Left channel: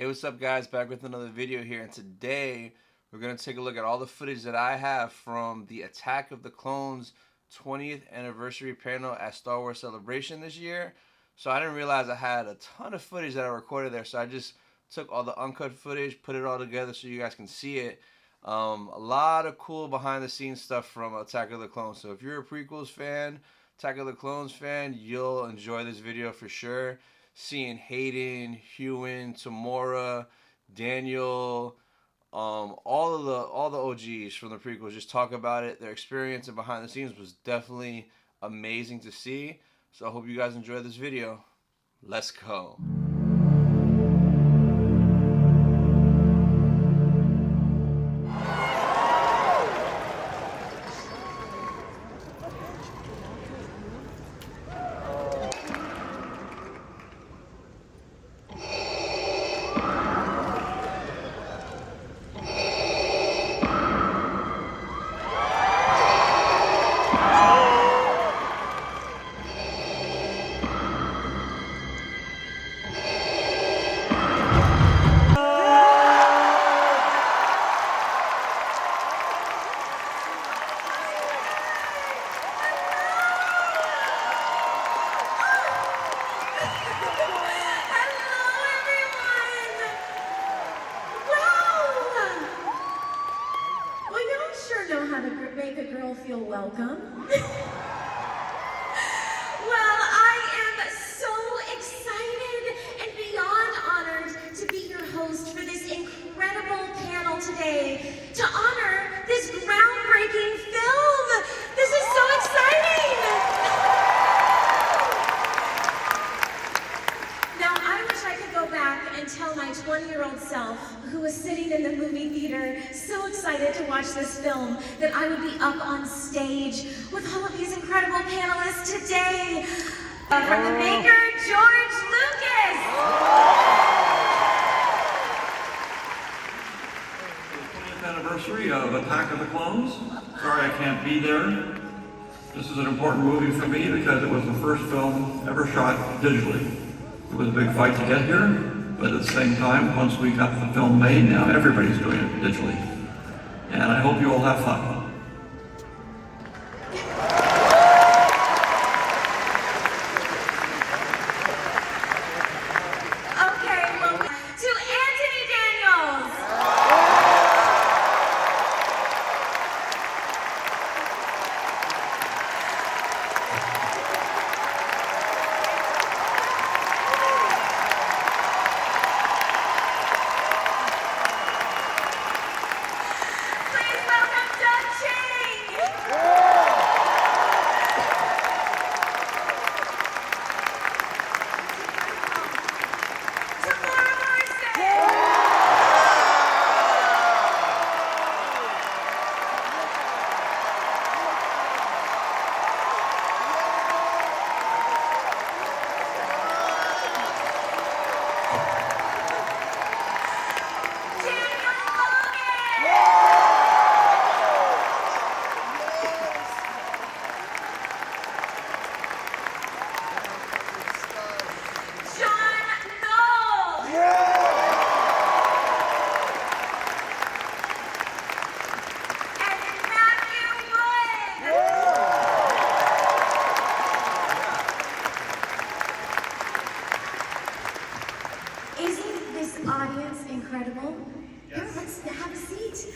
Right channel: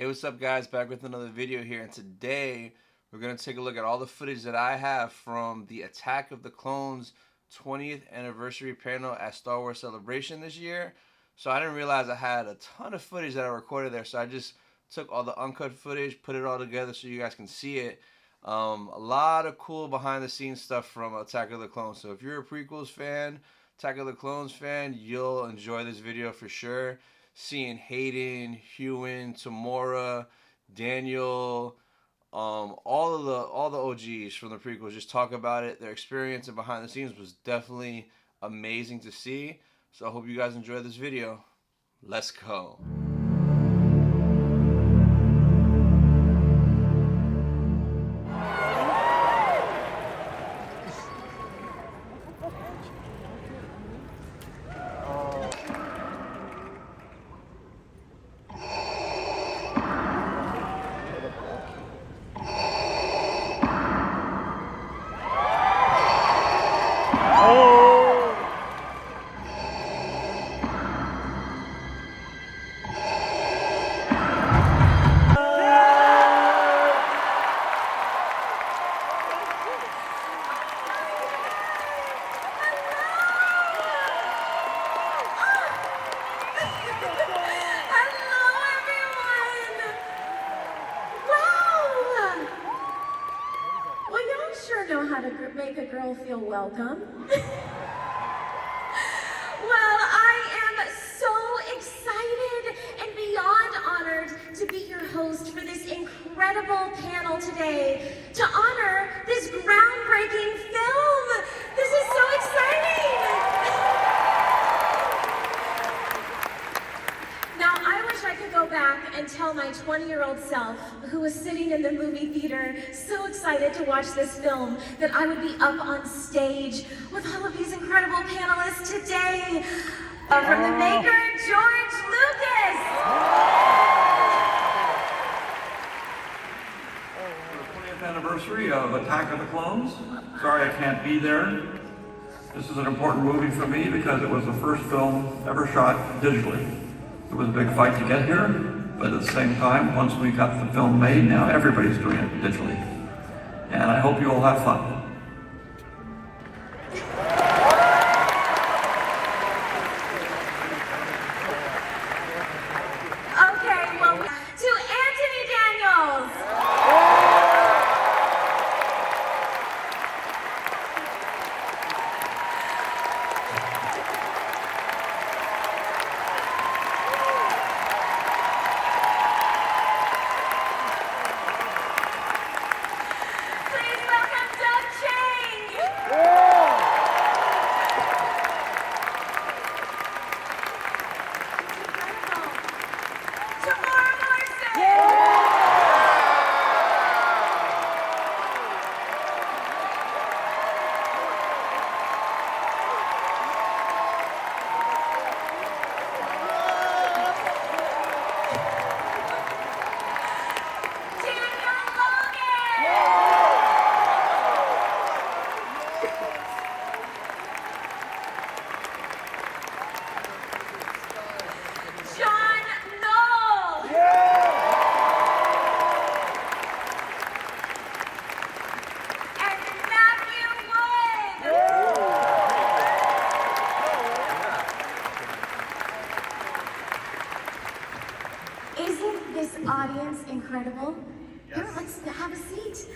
Hey, what's up guys, back with another video here, and today we're going to take a look at all the footage that I have from the Attack of the Clones 20th anniversary panel at Star Wars Celebration this year. So I didn't realize I had a ton of footage that I recorded there, so I just took all the uncut footage, put it all together so you guys can see it. A lot of cool behind the scenes stuff from Attack of the Clones. So if you're a prequels fan, Attack of the Clones fan, you'll enjoy this video for sure. Seeing Hayden, Ewan, Tamora, Daniel, all the OGs from the prequels just talk about it. Their experience and behind the scenes was definitely amazing to see. So I hope you guys enjoy this video. Let's go. How to make a girl feel welcome. Well, I am so excited and beyond honored to be your host for this incredible panel today to honor this groundbreaking film. This is so exciting. Now, I wish I could go back and tell my 20-year-old self who was sitting in the movie theater so excited to watch this film that I would be up on stage with all of these incredible panelists today. From the maker, George Lucas. The 20th anniversary of Attack of the Clones. Sorry I can't be there. This is an important movie for me because it was the first film ever shot digitally. It was a big fight to get here, but at the same time, once we got the film made, now everybody's doing it digitally. And I hope you all have fun. Okay, well, to Anthony Daniels. Isn't this audience incredible? Here, let's have a seat.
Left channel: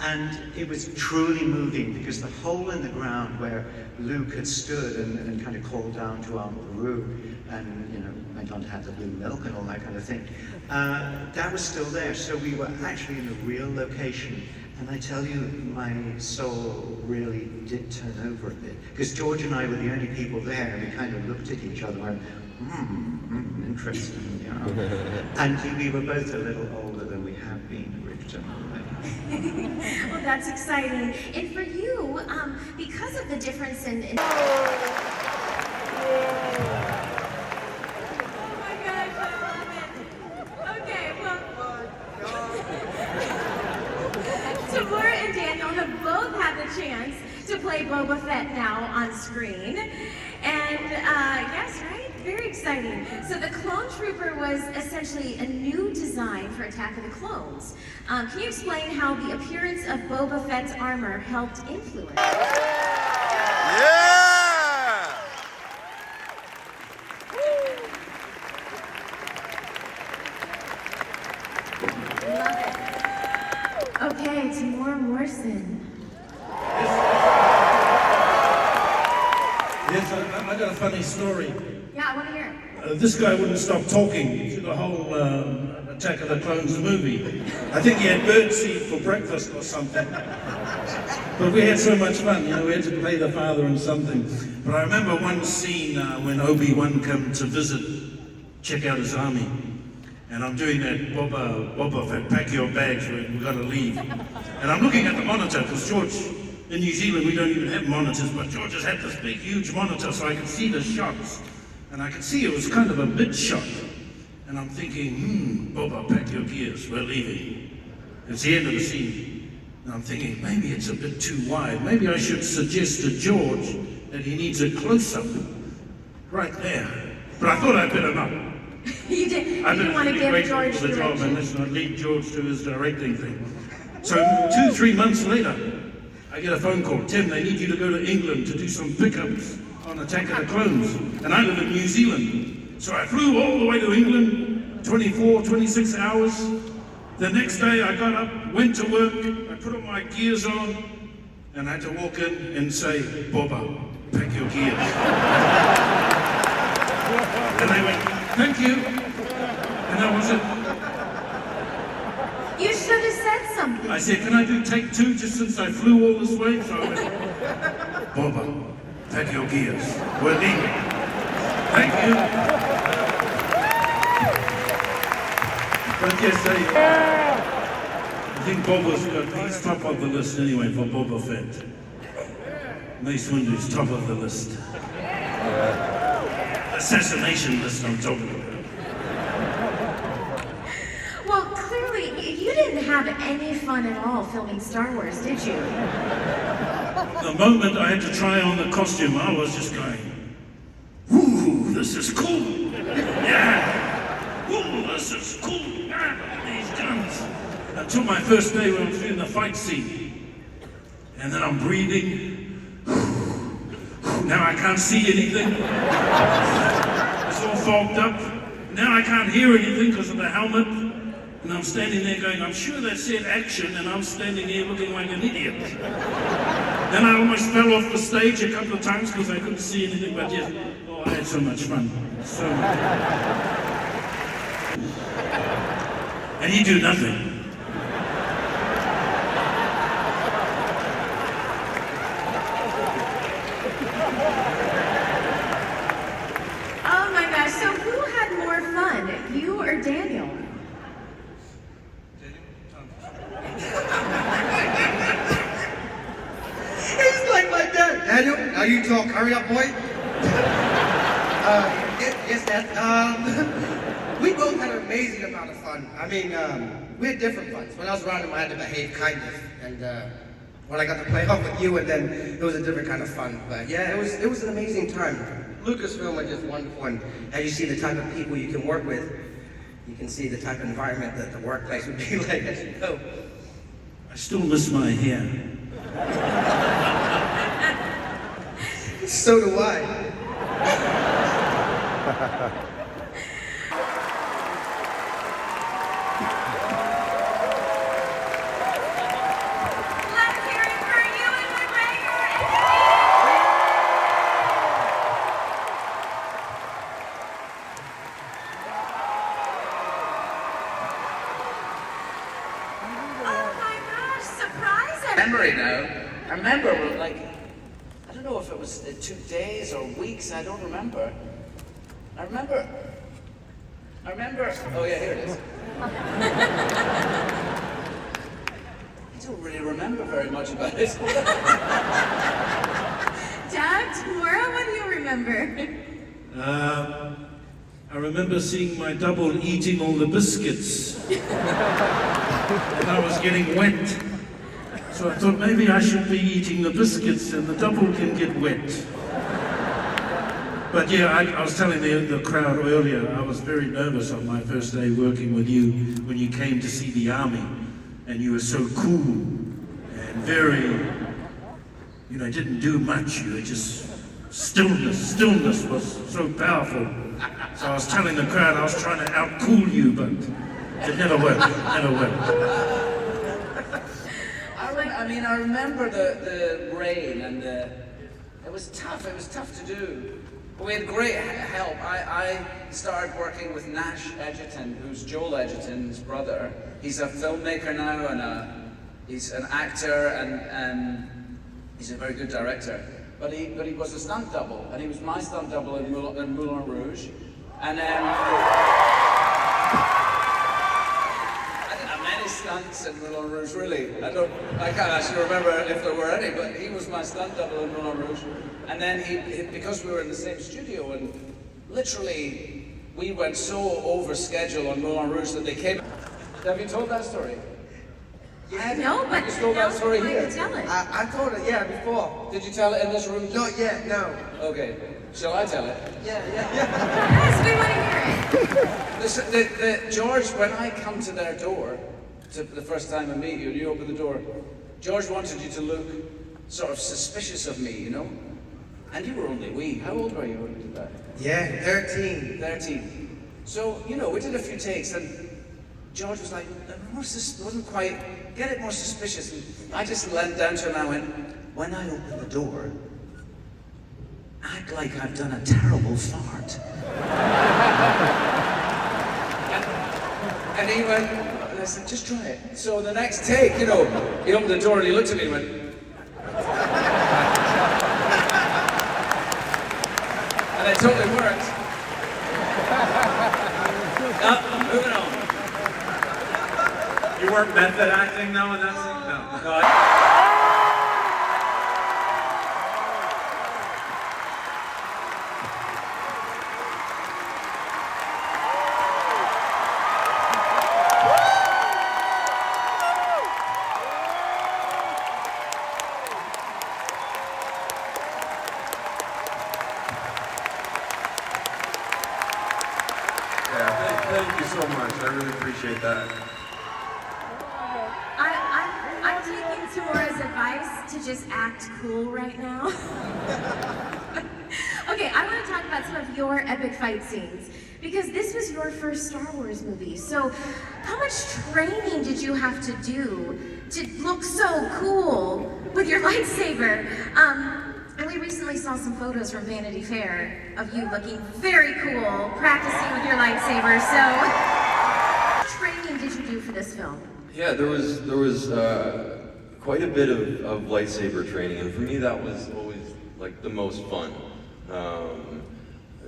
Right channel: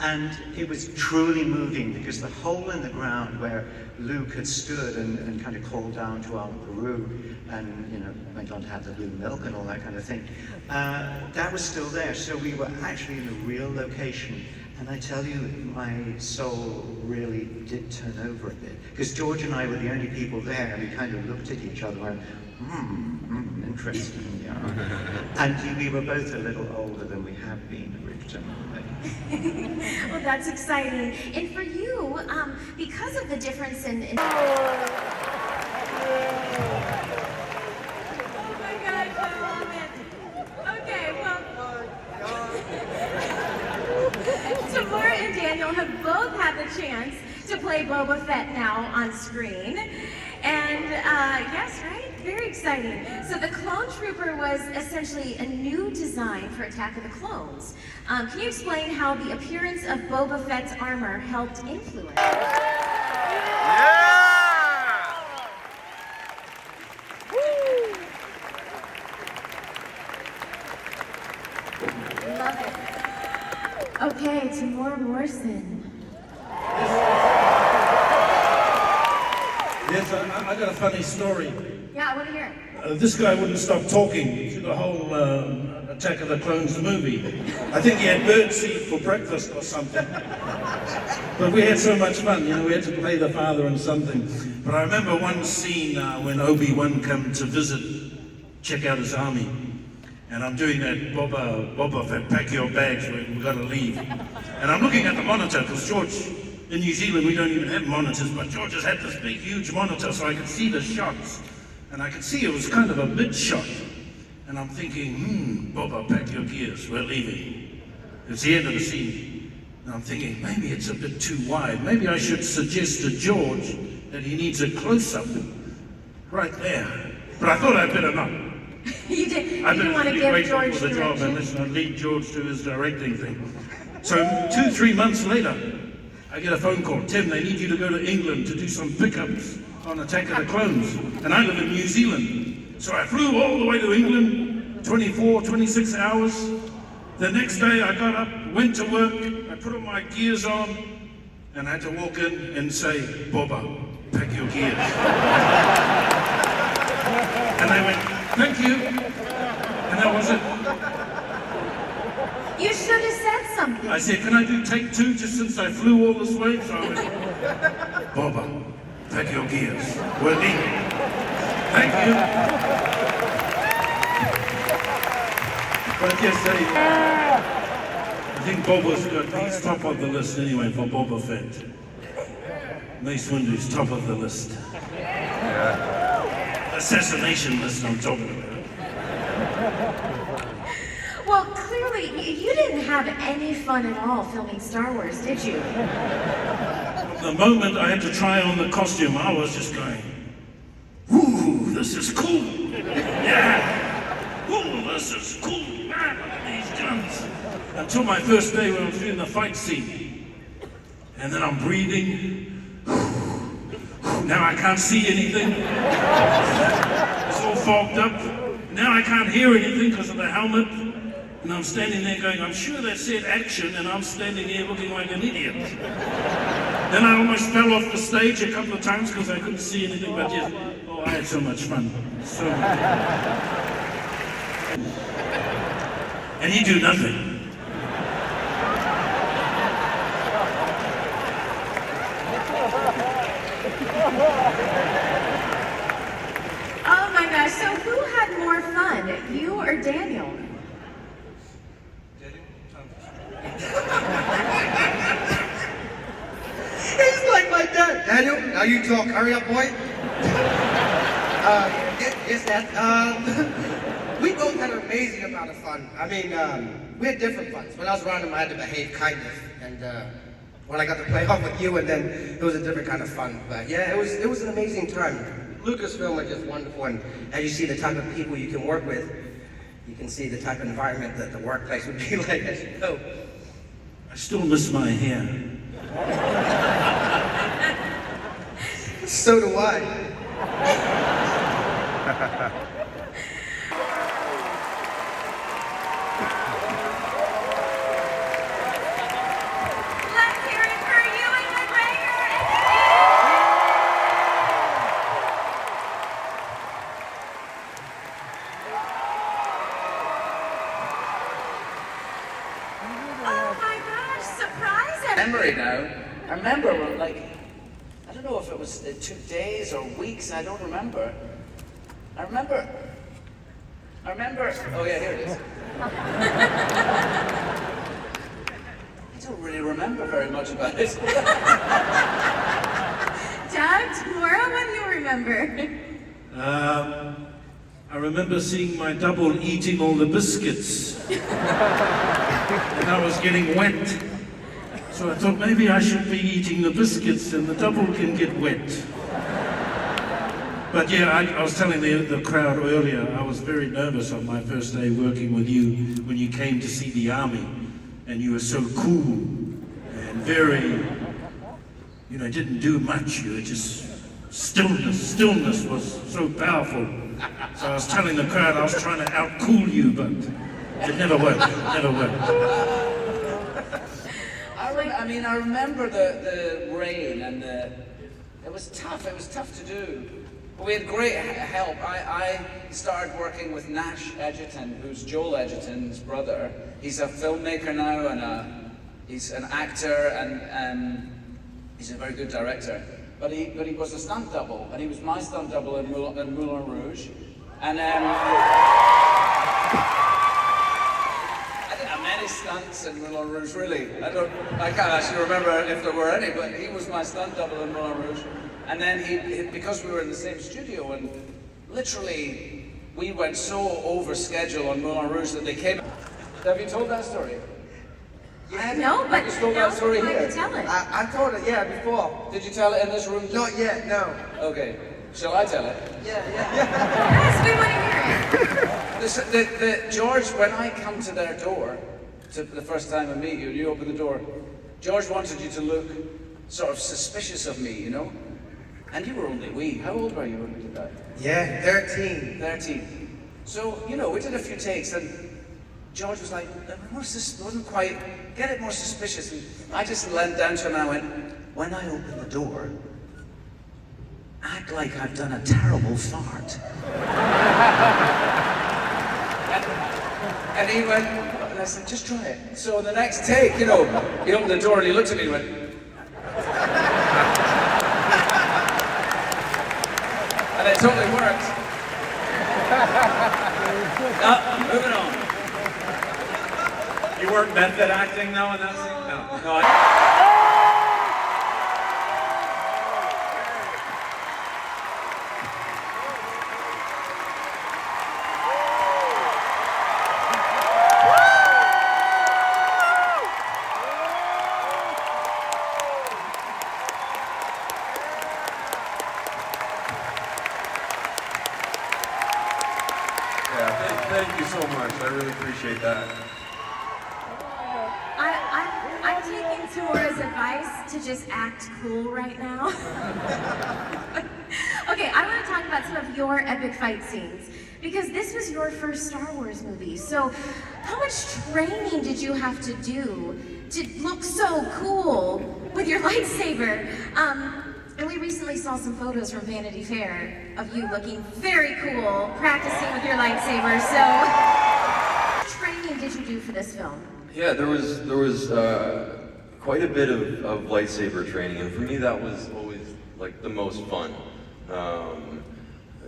And it was truly moving because the hole in the ground where Luke had stood and kind of called down to Aunt Beru and, you know, went on to have the blue milk and all that kind of thing, that was still there. So we were actually in a real location. And I tell you, my soul really did turn over a bit. Because George and I were the only people there, and we kind of looked at each other and went, interesting, yeah. And we were both a little older than we have been originally. Well, that's exciting. And for you, because of the difference in... Oh my gosh, I love it. Okay, well... Tamora and Daniel have both had the chance to play Boba Fett now on screen. And And yes, right? Very exciting. So the Clone Trooper was essentially a new design for Attack of the Clones. Can you explain how the appearance of Boba Fett's armor helped influence? Yeah! Love it. Okay, Timur Morrison. Yes, I got a funny story. Yeah, I want to hear it. This guy wouldn't stop talking through the whole Attack of the Clones movie. I think he had birdseed for breakfast or something. But we had so much fun, you know, we had to play the father and something. But I remember one scene when Obi-Wan came to visit, check out his army. And I'm doing that Boba Fett, pack your bags, we gotta leave. And I'm looking at the monitor, because George, in New Zealand we don't even have monitors, but George has had this big, huge monitor so I could see the shots. And I could see it was kind of a mid shot. And I'm thinking, Boba, pack your gears, we're leaving. It's the end of the scene. And I'm thinking, maybe it's a bit too wide. Maybe I should suggest to George that he needs a close-up right there. But I thought I'd better not. You didn't want to give George for the job, and direction? listen, I'd lead George to his directing thing. So 2-3 months later, I get a phone call. Tim, they need you to go to England to do some pickups on Attack of the Clones. And I live in New Zealand. So I flew all the way to England, 24, 26 hours. The next day I got up, went to work, I put all my gears on, and I had to walk in and say, Boba, pack your gears. And they went, thank you. And that was it. You should have said something. I said, can I do take 2 just since I flew all this way? So I went, Boba, pack your gears. We're leaving. Thank you. But yes, I think Boba's got, he's top of the list anyway for Boba Fett. Mace Windu's top of the list. Assassination list I'm talking about. Well, clearly, you didn't have any fun at all filming Star Wars, did you? The moment I had to try on the costume, I was just going, ooh, this is cool. Yeah. Ooh, this is cool. Man, look at these guns. Until my first day when I was doing the fight scene. And then I'm breathing. Now I can't see anything. It's all fogged up. Now I can't hear anything because of the helmet. And I'm standing there going, I'm sure that said action, and I'm standing here looking like an idiot. Then I almost fell off the stage a couple of times because I couldn't see anything, but yes, oh, I had so much fun. So much. And you do nothing. Oh my gosh, so who had more fun, you or Daniel? He's like my dad. Daniel, now you talk. Hurry up, boy. Yes, Dad. We both had an amazing amount of fun. I mean, we had different funs. When I was around him, I had to behave kindly. And when I got to play off with you, and then it was a different kind of fun. But yeah, it was an amazing time. Lucasfilm is just wonderful. And as you see the type of people you can work with, you can see the type of environment that the workplace would be like, as you know. I still miss my hair. So do I. Let's hear it for Ewan McGregor and oh my gosh, surprise Memory now. I remember, like, I don't know if it was 2 days or weeks, I don't remember. I remember, oh yeah, here it is. I don't really remember very much about it. Doug, tomorrow, what do you remember? I remember seeing my double eating all the biscuits. And I was getting wet. So I thought maybe I should be eating the biscuits and the double can get wet. But yeah, I was telling the crowd earlier, I was very nervous on my first day working with you when you came to see the army, and you were so cool and very, you know, didn't do much. You were just stillness was so powerful. So I was telling the crowd I was trying to out-cool you, but it never worked. I remember the rain and it was tough to do. But we had great help. I started working with Nash Edgerton, who's Joel Edgerton's brother. He's a filmmaker now and he's an actor and he's a very good director. But he was a stunt double, and he was my stunt double in Moulin Rouge. And I didn't have many stunts in Moulin Rouge, really. I can't actually remember if there were any, but he was my stunt double in Moulin Rouge. And then because we were in the same studio, and literally we went so over schedule on Moulin Rouge that they came. Have you told that story? No, but you told that story I here. can tell it. I told it, yeah, before. Did you tell it in this room? Not yet, no. Okay. Shall I tell it? Yeah. Yes, we want to hear it. Listen, George, when I come to their door, to the first time I meet you, and you open the door, George wanted you to look sort of suspicious of me, you know? And you were only wee. How old were you when we did that? Yeah, 13. 13. So, you know, we did a few takes, and George was like, wasn't quite, get it more suspicious. And I just leant down to him and I went, when I open the door, act like I've done a terrible fart. and he went, and I said, just try it. So the next take, you know, he opened the door and he looked at me and went, and it totally worked. Moving on. You weren't method acting though in that scene? No. Thank you so much. I really appreciate that. I'm taking Tamora's advice to just act cool right now. Okay, I want to talk about some of your epic fight scenes, because this was your first Star Wars movie. So how much training did you have to do to look so cool with your lightsaber? And we recently saw some photos from Vanity Fair of you looking very cool, practicing with your lightsaber. So what training did you do for this film? Yeah, there was quite a bit of lightsaber training, and for me that was always like the most fun.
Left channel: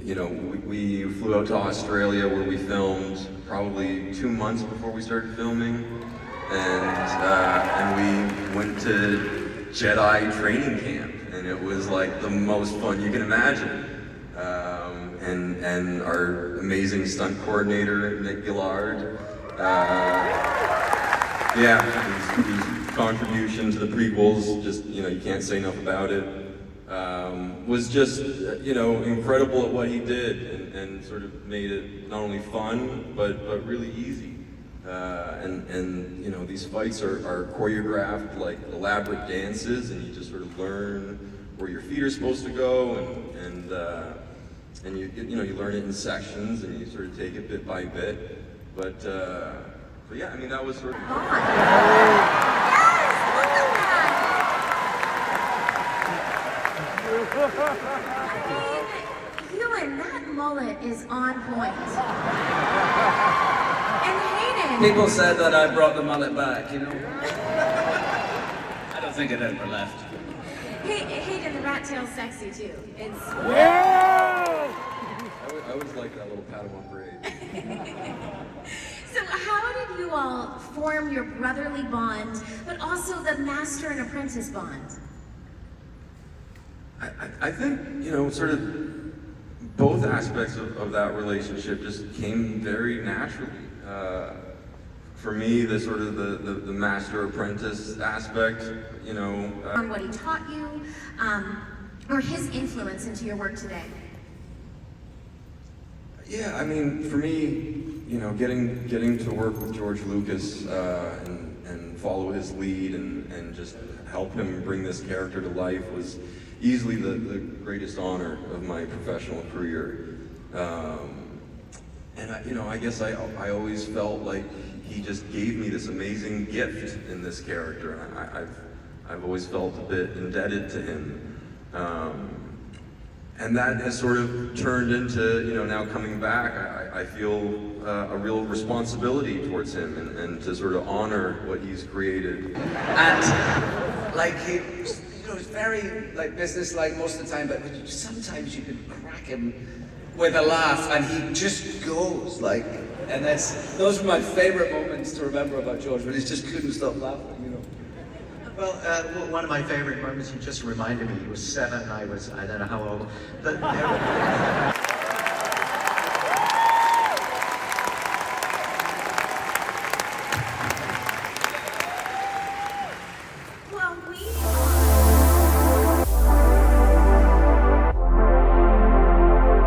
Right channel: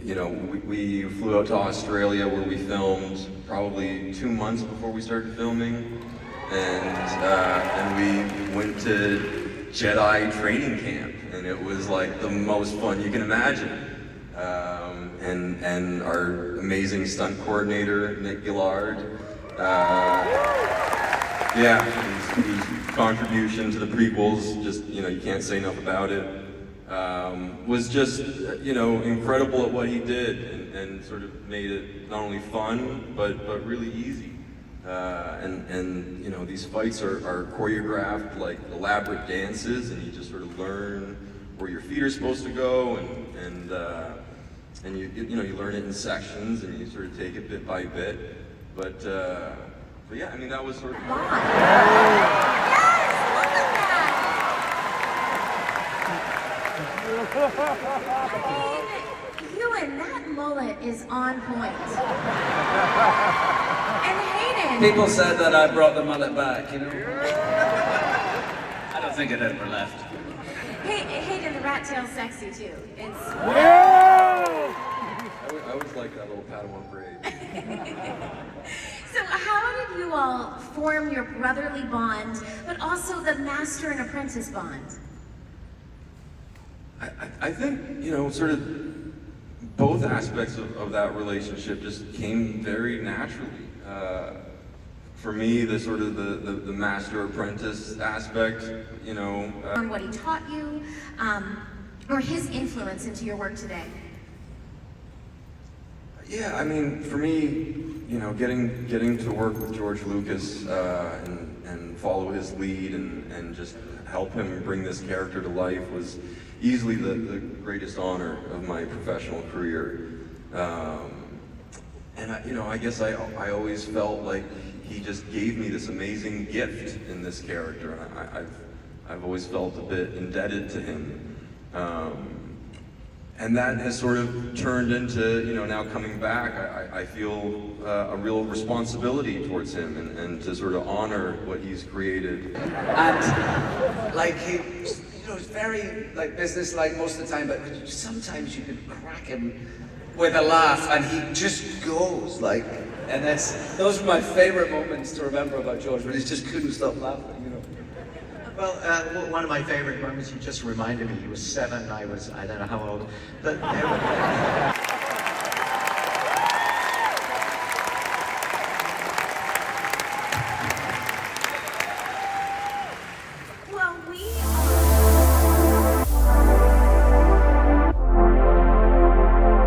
You know, we flew out to Australia where we filmed probably 2 months before we started filming, and we went to Jedi training camp, and it was like the most fun you can imagine. And our amazing stunt coordinator, Nick Gillard, yeah, his contribution to the prequels, just, you know, you can't say enough about it, was just, you know, incredible at what he did, and sort of made it not only fun, but really easy. And you know, these fights are choreographed like elaborate dances, and you just sort of learn where your feet are supposed to go, and you learn it in sections, and you sort of take it bit by bit. But yeah, I mean, that was sort of Yes, look at that! I mean, Ewan, that mullet is on point. And Hayden. People said that I brought the mullet back, you know? I don't think it ever left. Hayden, the rat tail's sexy too. It's. I always like that little Padawan braid. So how did you all form your brotherly bond, but also the master and apprentice bond? I think, you know, sort of both aspects of that relationship just came very naturally. For me, the sort of the master-apprentice aspect, you know. On what he taught you, or his influence into your work today? Yeah, I mean, for me, you know, getting to work with George Lucas and follow his lead and just help him bring this character to life was easily the greatest honor of my professional career. And I guess I always felt like he just gave me this amazing gift in this character, and I've always felt a bit indebted to him. And that has sort of turned into, you know, now coming back, I feel a real responsibility towards him and to sort of honor what he's created. And like he, you know, he's very like business-like most of the time, but sometimes you can crack him with a laugh, and he just goes like. And those are my favorite moments to remember about George, when he just couldn't stop laughing, you know. Well, one of my favorite moments, you just reminded me, he was 7, I don't know how old, but Well, we